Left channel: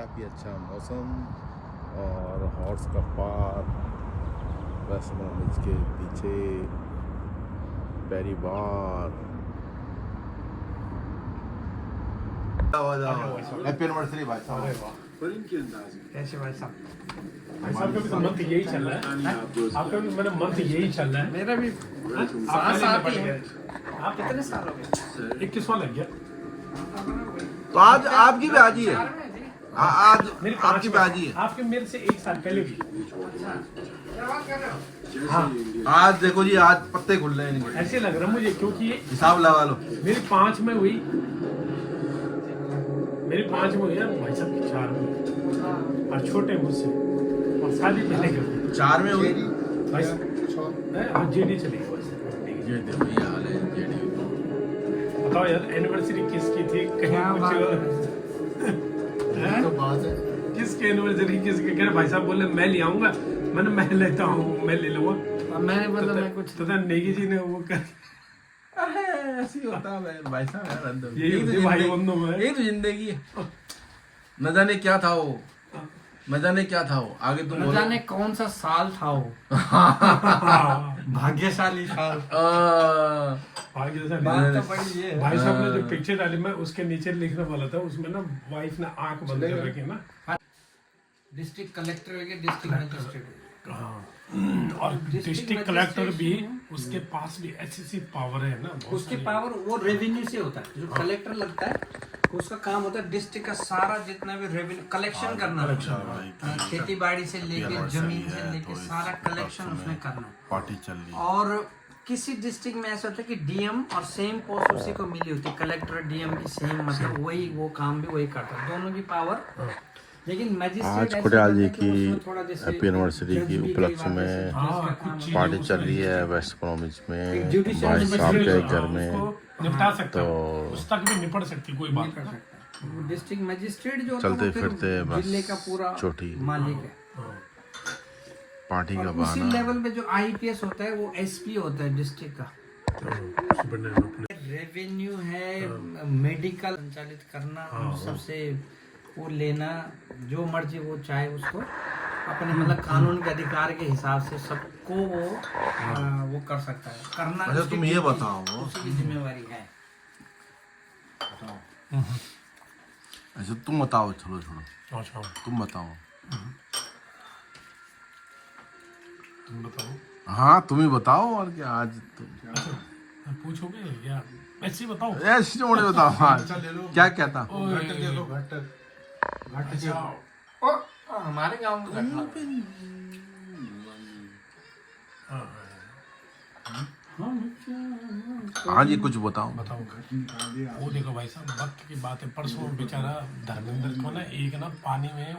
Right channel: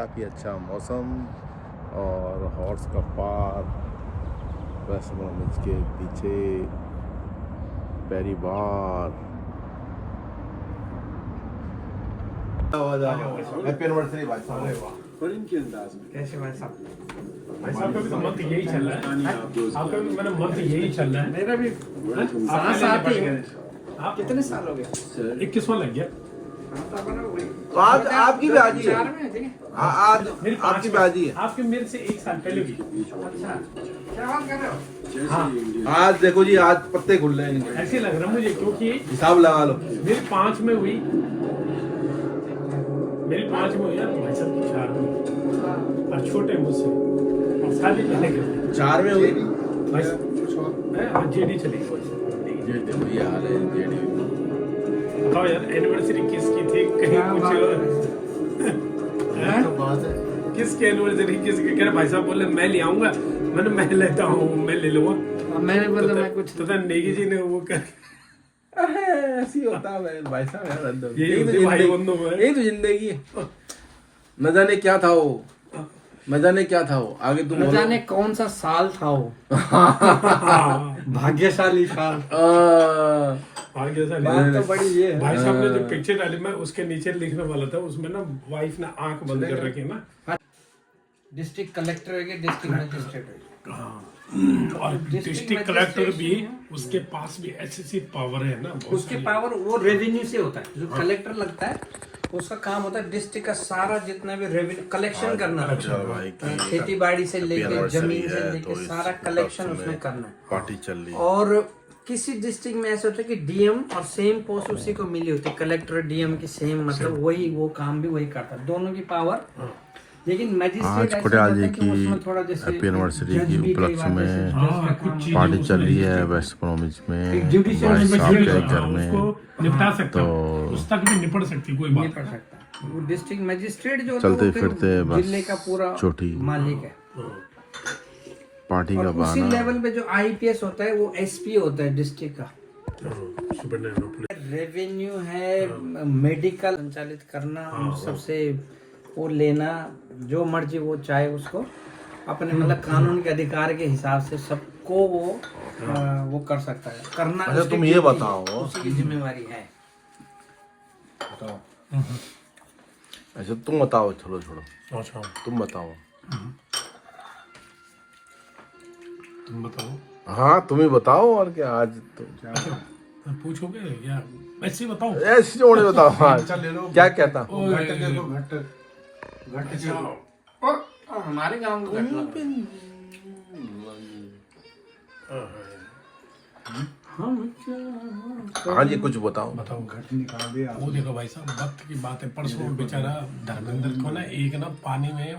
काफ़ी अच्छा मौसम और हॉर्स का पार्क, वेस्ट ब्रोमिच के पीछे पेरीबार। हैप्पी एनिवर्सरी भाई साहब। कैसे भाई साहब? आपका भी तो मंथ यही चल रहा है। आपका भी मेरा मंथ यही चल रहा है। मेरा भी आपका साथ ही है। आप कितने साल हो गए? 21वां लग गया। तो आज आपकी भी आजी है। चार में थे। आज मेरी आपकी भी आजी है। आपके मेरे से 1 साल पहले की। अच्छा, क्या बात कर रहे हो? हाँ, आज देखो जी, आज पत्ते खुल रहे हैं इनके। ऐसे लग रहा है मुझे, क्योंकि हिसाब लगा लो। मेरी 5 में हुई, मेरी 5 में हुई यार, भाई साहब की 4 में हुई। और छोटे मुझसे, और शादी पहले की हुई। 4 में हुई। भाई साहब, आज जेडी चलेगी बस। ये देखो ये हाल है जेडी। बताओ यार, एनिवर्सरी किसकी थी? कहीं कुछ किसकी एनिवर्सरी, किसके? कह रहे भाई साहब बोले मैं ले आऊंगा। मैंने मैं लेता हूँ, मैं ले लूंगा। मैंने बोला मैं कुछ तो नेगी जी ने वो कर ऐसी होता है भाई साहब यार। यही यही तो होती है भाई जिंदगी- बंधु में। यही तो जिंदगी है। न जाने क्या था वो, न जाने क्या था वो। आगे तुम न बोलो। जाने कौन सा साल था वो। हाँ, भाग्यशाली साल। आगे से बात तो बड़ी ये है। भाई साहब ने जो पिक्चर डाली, मैं उसके नीचे लिखने वाला था, उसमें ना वाइफ ने आंख बंद कर रखी ना। डिस्ट्रिक्ट कलेक्टर है कि डिस्ट्रिक्ट मजिस्ट्रेट है? और डिस्ट्रिक्ट कलेक्टर भी, उसके पास भी ऐसी पावर है ना, बहुत उसके सारी। पावर वो रेवेन्यू से होता है। जो कलेक्टर लगता है उसका काम होता है डिस्ट्रिक्ट का सारा जितना भी रेवेन्यू कलेक्शन करना है। भाई खेती बाड़ी से लेकर anniversary जमीन से है, लेकर तो इस सारा कलेक्शन उपलक्ष्य उसमें में करना है। पार्टी चल रही है। और किसी डिस्ट्रिक्ट में ऐसा होता है कि डीएम और सेम पोस्ट उसी को मिली होती है। कलेक्टर डीएम की सेम, मतलब वही वो काम भी वही करता है, दोनों की पावर। लेकिन मैजिस्ट्रेट ऐसा होता है कि उसमें थोड़ा जैसे जज भी कई बार जैसे जज का काम होता पार्टी चल रही है वेस्ट ब्रोमिच है। में। एक जुडिशियल भाई साहब के घर में उसको निपटा सकता हूँ, तो उस तक भी निपट सकती कोई नहीं बात। कर सकता। वो डिस्ट्रिक्ट मैजिस्ट्रेट जो होता है चलते वो फिर फिरते बस जिले का पूरा चोटी मालिक है। पार्टी का और उसी बहाना। लेवल पे जो आईपीएस होता है वो एसपी होता है डिस्ट्रिक्ट का। रेवेन्यू है, मेडिकल संचालित करना, और सबसे वो लेना, जो मर्जी वो चाहे उसको अपने मतलब कानून के अधिकार के हिसाब से सबको वो कर सकता है, करना। अच्छा, उसकी तुम ये duty है, बताओ। उसकी भी जिम्मेवारी है। अच्छा तुम बताओ, चलो छोड़ो, अच्छा, तुम बताओ। तुम बताओ। हाँ तुम ही बताओ, और क्या आज तो पूछोगे या ऐसे ही बताओ? ऐसे जोड़े बताओ। हाँ क्या कहता। हमारे गांव में हाँ जी कुछ बताओ। बताओ। वो देखो भाई साहब, वक्त की बात है। परसों बेचारा धर्मेंद्र को ना एक ना पानी में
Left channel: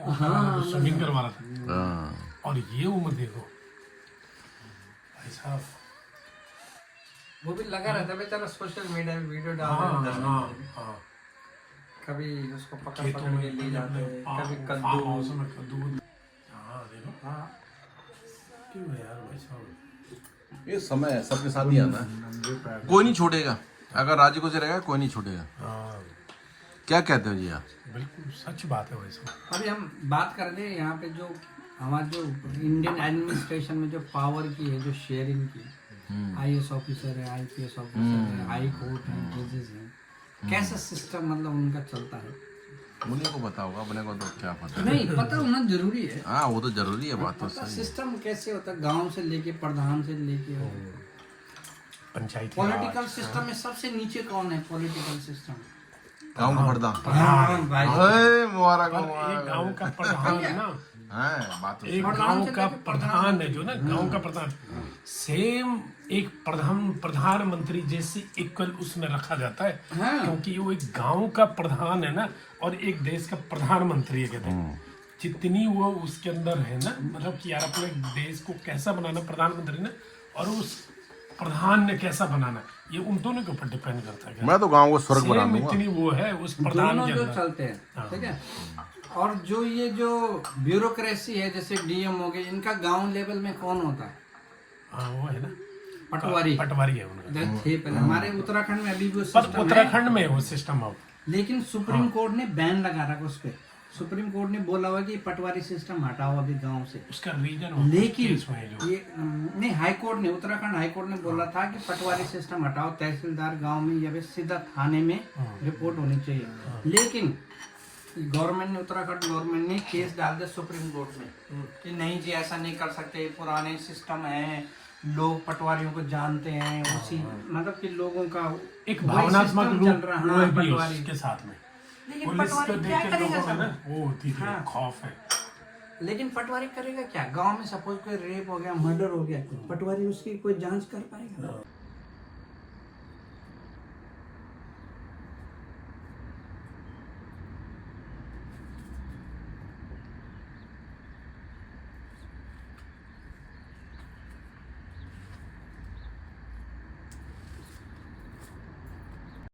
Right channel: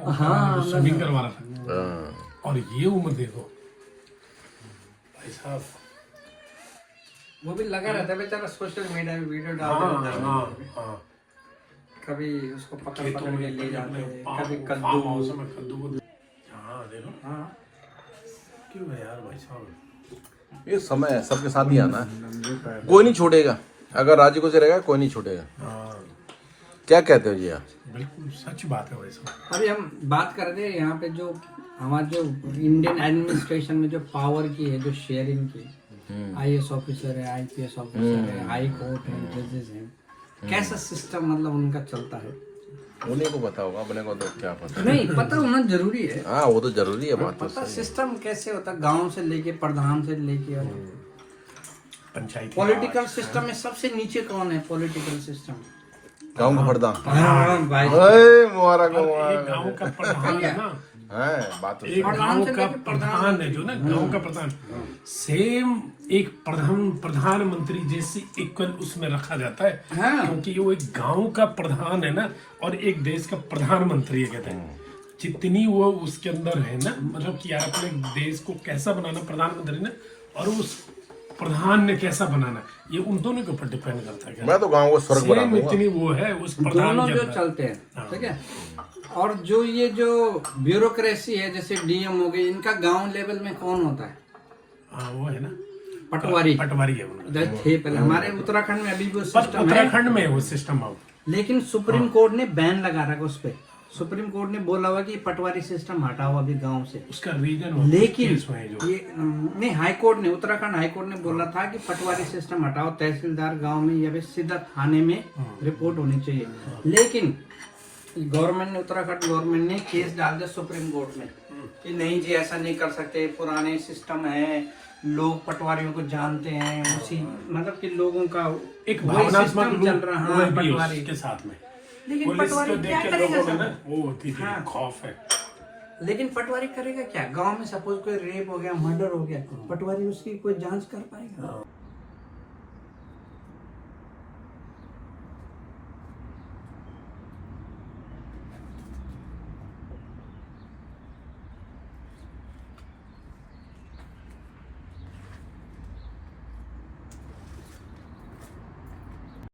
स्विमिंग करवा रहा था, हाँ। और ये उम्र देखो भाई साहब। वो भी लगा रहता है बेचारा, सोशल मीडिया में वीडियो डाल हाँ देता है। हाँ हाँ। कभी उसको पकड़ खेतों पकड़ के में ले जाते हैं, कभी फार्म कद्दू। हाउस में कद्दू को। हाँ देखो, हाँ, क्यों है यार भाई साहब। ये समय है, सबके साथ ही आना है। कोई नहीं छोड़ेगा, अगर राज्य को से रहेगा कोई नहीं छोड़ेगा। हाँ क्या कहते हो जी आप? बिल्कुल सच बात है भाई साहब। अभी हम बात कर रहे हैं यहाँ पे जो हमारा जो इंडियन एडमिनिस्ट्रेशन में जो पावर की है, जो शेयरिंग की, आईएएस ऑफिसर है, आईपीएस ऑफिसर है, हाई कोर्ट है, जजेस हैं, कैसा सिस्टम मतलब उनका चलता है? उन्हीं को पता होगा, अपने को तो क्या पता। नहीं, पता होना जरूरी है। हाँ वो तो जरूरी है, बात तो पता सही है। सिस्टम कैसे होता है, गांव से लेके प्रधान से लेके पंचायती पॉलिटिकल सिस्टम में सबसे नीचे कौन है? पॉलिटिकल सिस्टम गाँव का प्रधान। भाई, मुबारक हो, एक गांव का प्रधान है ना, है बात तो एक सही। गांव का प्रधान है जो ना, गांव का प्रधान सेम एक प्रधानमंत्री जैसी इक्वल उसमें रखा जाता है। हाँ। क्योंकि वो एक गांव का प्रधान है ना, और एक देश का प्रधानमंत्री है, कहते हैं। जितनी वो उसके अंदर है ना, मतलब कि यार अपने देश को कैसा बनाना प्रधानमंत्री ने, और उस प्रधान ने कैसा बनाना, ये उन दोनों के ऊपर डिपेंड करता है। मैं तो गाँव को स्वर्ग बना सेम दूंगा। इतनी वो है उस प्रधान दोनों के जो अंदर। चलते हैं, ठीक है। और जो ये जो ब्यूरोक्रेसी है, जैसे डीएम हो गए, इनका गांव लेवल में कौन होता है? हाँ, वो है ना पटवारी। पटवारी है उनका। जो थे पहले हमारे उत्तराखंड में अभी भी वो सिस्टम है, उत्तराखंड में वो सिस्टम हो। लेकिन सुप्रीम कोर्ट ने बैन लगा रखा उस पर। सुप्रीम कोर्ट ने बोला हुआ कि पटवारी सिस्टम हटाओ अभी गांव से, उसका रीजन लेकिन हुए जो ये नहीं, हाई कोर्ट ने, उत्तराखंड हाई कोर्ट ने बोला था कि पटवारी सिस्टम हटाओ, तहसीलदार गांव में या फिर सीधा थाने में रिपोर्ट होनी चाहिए। लेकिन गवर्नमेंट ने, उत्तराखंड गवर्नमेंट ने केस डाल दिया सुप्रीम कोर्ट में कि नहीं जी ऐसा नहीं कर सकते, पुराने सिस्टम है, लोग पटवारियों को जानते हैं, उसी मतलब कि लोगों का एक वही भावनात्मक सिस्टम चल रहा है। हाँ, भी है पटवारी उसके साथ में। लेकिन पुलिस पटवारी को देख क्या के करेगा लोगों में ना सर? वो होती थी हाँ। खौफ है। लेकिन पटवारी करेगा क्या? गांव में सपोज कोई रेप हो गया, मर्डर हो गया, पटवारी उसकी कोई जांच कर पाएगा?